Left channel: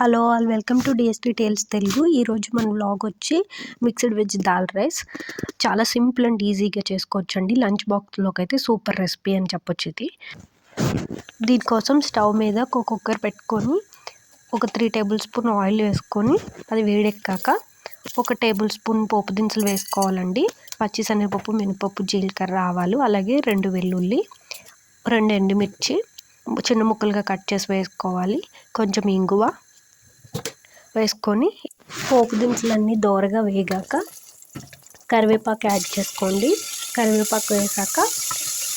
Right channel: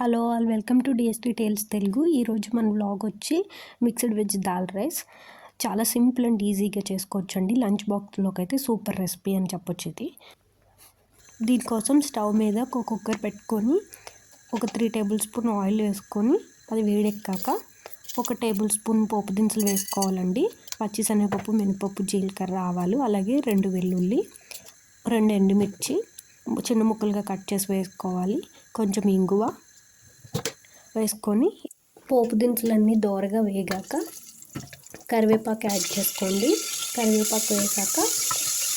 Hello all welcome to DST tales Telugu. ఈరోజు మన vlog వచ్చి మిక్స్డ్ వెజ్ దాల్ రైస్. చాలా సింపుల్ అండ్ ఈజీగా చేసుకోవచ్చండి. లంచ్ బాక్స్లోకి అయితే సూపర్ రెసిపీ అని చెప్పొచ్చు ఇది. దీనికోసం స్టవ్ మీద ఒక కుక్కర్ పెట్టుకొని ఒక 3 టేబుల్ స్పూన్ ఆయిల్ వేసుకొని అది వేడెక్కాక 1 టేబుల్ స్పూన్ పోపు దినుసులు వేసుకోవాలండి. పచ్చిశనగపప్పు, మినపప్పు, జీలకర్ర, ఆవాలు, అలాగే 2 వెల్లుల్లి, 2 ఎండుమిర్చి చిన్న ముక్కలుగా కట్ చేసి వేసుకోవాలి. కొంచెం ఇంగువ వేసుకొని పోపు దినుసులన్నీ దోరగా వేగాక కరివేపాకు యాడ్ చేసుకోండి. కరివేపాకు వేసాక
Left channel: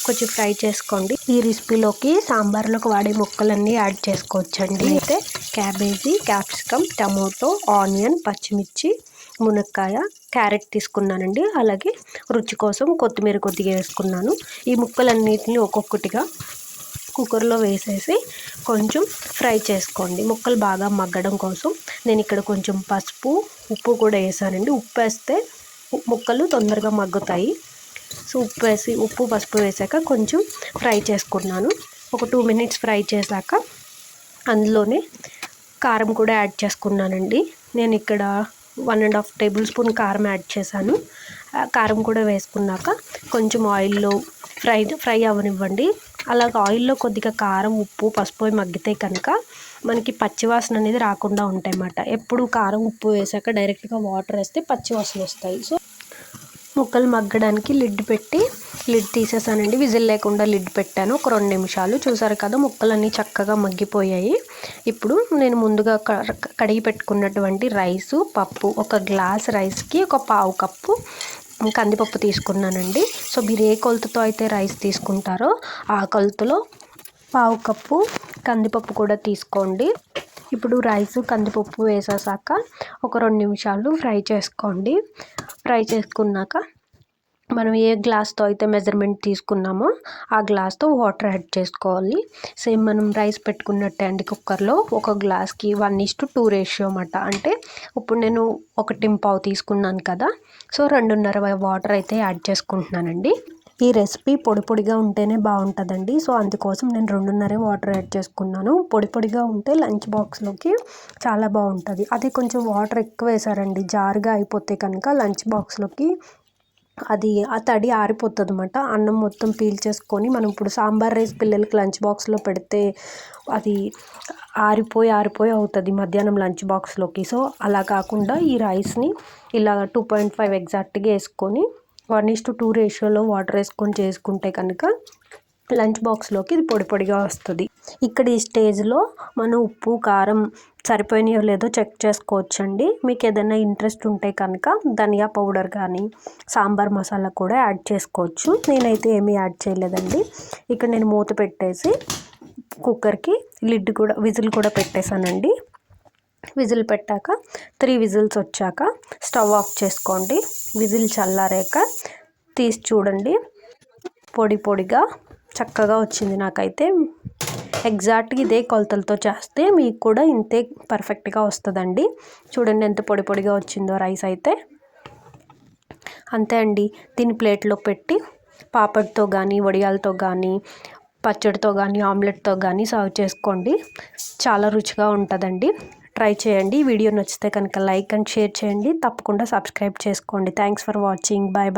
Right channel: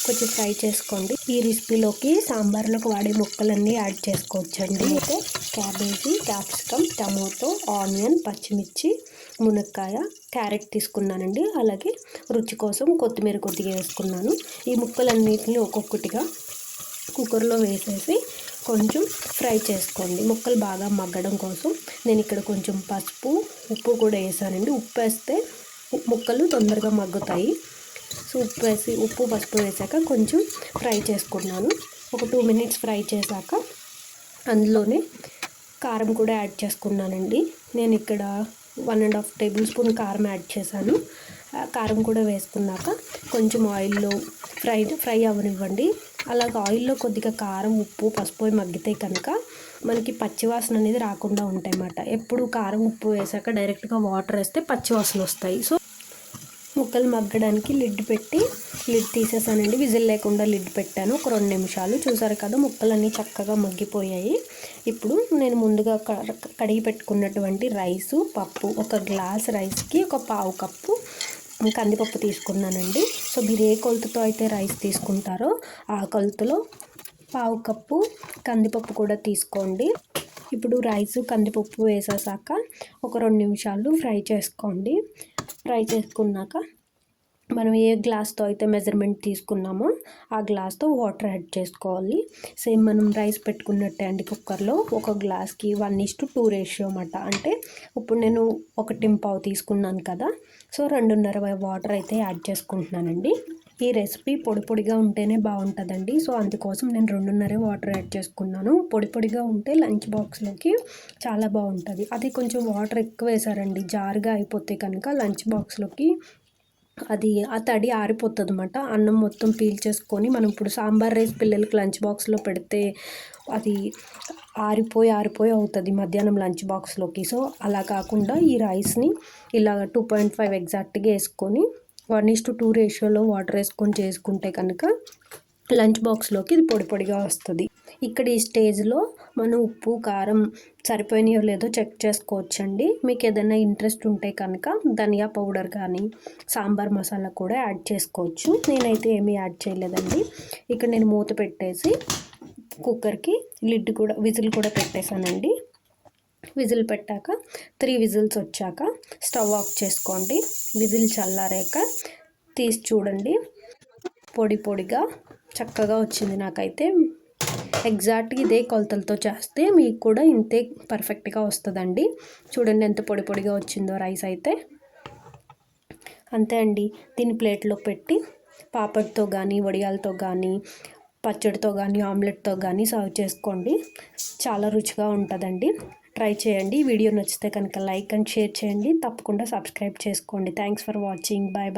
కొంచెం ఫ్రై చేసుకోండి. ఈ రెసిపీలోకి సాంబార్లోకి వాడే ముక్కలన్నీ యాడ్ చేసుకోవచ్చండి. అయితే క్యాబేజీ, క్యాప్సికమ్, టమోటో, ఆనియన్, పచ్చిమిర్చి, మునక్కాయ, క్యారెట్ తీసుకున్నానండి. అలాగే రుచి కోసం కొత్తిమీర కొద్దిగా వేసుకున్నాను. ఈ ముక్కలన్నిటిని ఒక్కొక్కటిగా కుక్కర్లో వేసేసి కొంచెం ఫ్రై చేసుకోండి. ముక్కలు బాగా మగ్గడం కోసం నేను ఇక్కడ కొంచెం పసుపు, ఉప్పు కూడా వేసానండి. ఉప్పు వేస్తే ముక్కలు తొందరగా మగ్గుతాయి. సో ఉప్పు పసుపు వేసాక కొంచెం ఫ్రై చేసుకున్నాను. ఒక 2 మినిట్స్ ఫ్రై చేశాక అందులోనే కారం కూడా యాడ్ చేసుకున్నానండి. నేను ఇక్కడ 1.5 టేబుల్ స్పూన్ కారం యాడ్ చేశాను. కారం కూడా వేసుకున్నాక కొంచెం ఆయిల్లో ఫ్రై అవ్వనివ్వండి. అలాగ ఆయిల్లో కొద్దిగా కారం, ఉప్పు, పసుపు మగ్గితే కనుక మనకి పచ్చివాసన అనేది రాకుండా ఉంటాయి అన్నమాట. ఎప్పుడు కారం, ఉప్పు వేసాక డైరెక్ట్గా వాటర్ వేస్తే పచ్చివాసన వస్తాయి. సో ముక్కలు మగ్గడానికి లిడ్ తీసేసానండి. విజిల్ లేకుండా లిడ్ పెట్టాను. ఒక 2 నిమిషాలు. చూసారు కదా, ముక్కలన్నీ చక్కగా మగ్గిపోయాయి. ఇప్పుడు నేను ముందుగా కడిగి పెట్టుకున్నటువంటి రైసు, పప్పు, 1 గ్లాస్ రైస్కి 1/4 కప్పు కందిపప్పు తీసుకున్నానండి. సో మీరు ఏ కొలతతో అయితే రైస్ తీసుకుంటారో ఆ కొలతలో 1/4 కప్పు కందిపప్పు కూడా తీసుకోండి. ఇప్పుడు రైసు, కందిపప్పు వేసేసాక ఒక 2 నిమిషాలు ఫ్రై చేసుకోండి. ఫ్రై చేసుకున్నాక మనం ఏ గ్లాస్తో అయితే మెజర్మెంట్ తీసుకున్నామో ఆ గ్లాస్తో వాటర్ యాడ్ చేసుకోవాలి. సేమ్ మనం రైస్ పెట్టుకున్నట్టే అండి. కుక్కర్లో 1 గ్లాస్కి 1:2 రేషియో అన్నమాట. అంటే ఇప్పుడు నేను 1.5 తీసుకున్నాను కదా, సో 2.5 వాటర్ అయితే యాడ్ చేసుకుంటున్నానండి. ఈ రెసిపీ పొడిగా ఉంటేనే బాగుంటుందండి. సో అందుకోసం నేను 2.5 వాటర్ యాడ్ చేసుకున్నాను. పొడిగా ఉంటే లంచ్ బాక్స్లోకి చాలా బాగుంటుంది. అది కొంచెం వాటర్ ఎక్కువ వేసారండి, జారుగా అయిపోతే కనుక లంచ్ బాక్స్లోకి అది ఆ తడి ఆరిపోతుంది అన్నమాట. అన్నం మొత్తం పీల్చేసుకొని మనం ఇప్పుడు సాంబార్ రైస్ పిల్లలకి లంచ్ బాక్స్లో పెడితే అది ఆరిపోయి అవుతుంది మధ్యాహ్నం లంచ్ బాక్స్లోకి. సో అలా కాకుండా ఈ రైస్ని ఇలా 2.5 ఎగ్జాక్ట్గా వేసుకొని 1:2 రేషియోలో వాటర్ వేసుకొని చేసుకుంటే కనుక లంచ్ బాక్స్లోకి ఇది పొడిగా వస్తుంది. ఇక్కడ ఈ స్టేజ్లో మనం ఉప్పు, కారం సరిపోయినాయో లేదో చెక్ చేసుకోవచ్చండి. మీకు ఏదైనా ఇంట్రెస్ట్ ఉంటే కనుక ధనియా పౌడర్ కానీ సాంబార్ మసాలా కూడా యాడ్ చేసుకోవచ్చు. నేనైతే ఏమీ యాడ్ చేయలేదండి. ఇక్కడ నేను మూత పెట్టేసి కుక్కర్కి విజిల్ కూడా పెట్టేశానండి. విజిల్ పెట్టాక 3 విజిల్స్ వచ్చాక స్టవ్ ఆఫ్ చేసుకోండి. విజిల్ చల్లారాక తీసి చూడండి. పొడిగా చక్కగా వచ్చింది. నాకైతే ఎగ్జాక్ట్గా ఇదే కొలతలతో చేస్తే మీకు కూడా ఇంతే పర్ఫెక్ట్గా వస్తుందండి. చూడండి ఎంత పొడిగా వచ్చిందో రైస్ అయితే. అంతే అండి. దీన్ని ప్లేట్లో పెట్టి పాపడ్తో కానీ, వడియాలతో కానీ, పచ్చడితో కానీ, ఆమ్లెట్తో కానీ సర్వ్ చేసుకోండి. చాలా రుచిగా ఉంటుందండి. ట్రై చేయండి. వీడియో నచ్చితే కనుక లైక్ అండ్ షేర్ చేయండి. తప్పకుండా సబ్స్క్రైబ్ చేసుకోండి. Thanks for watching. బాయ్.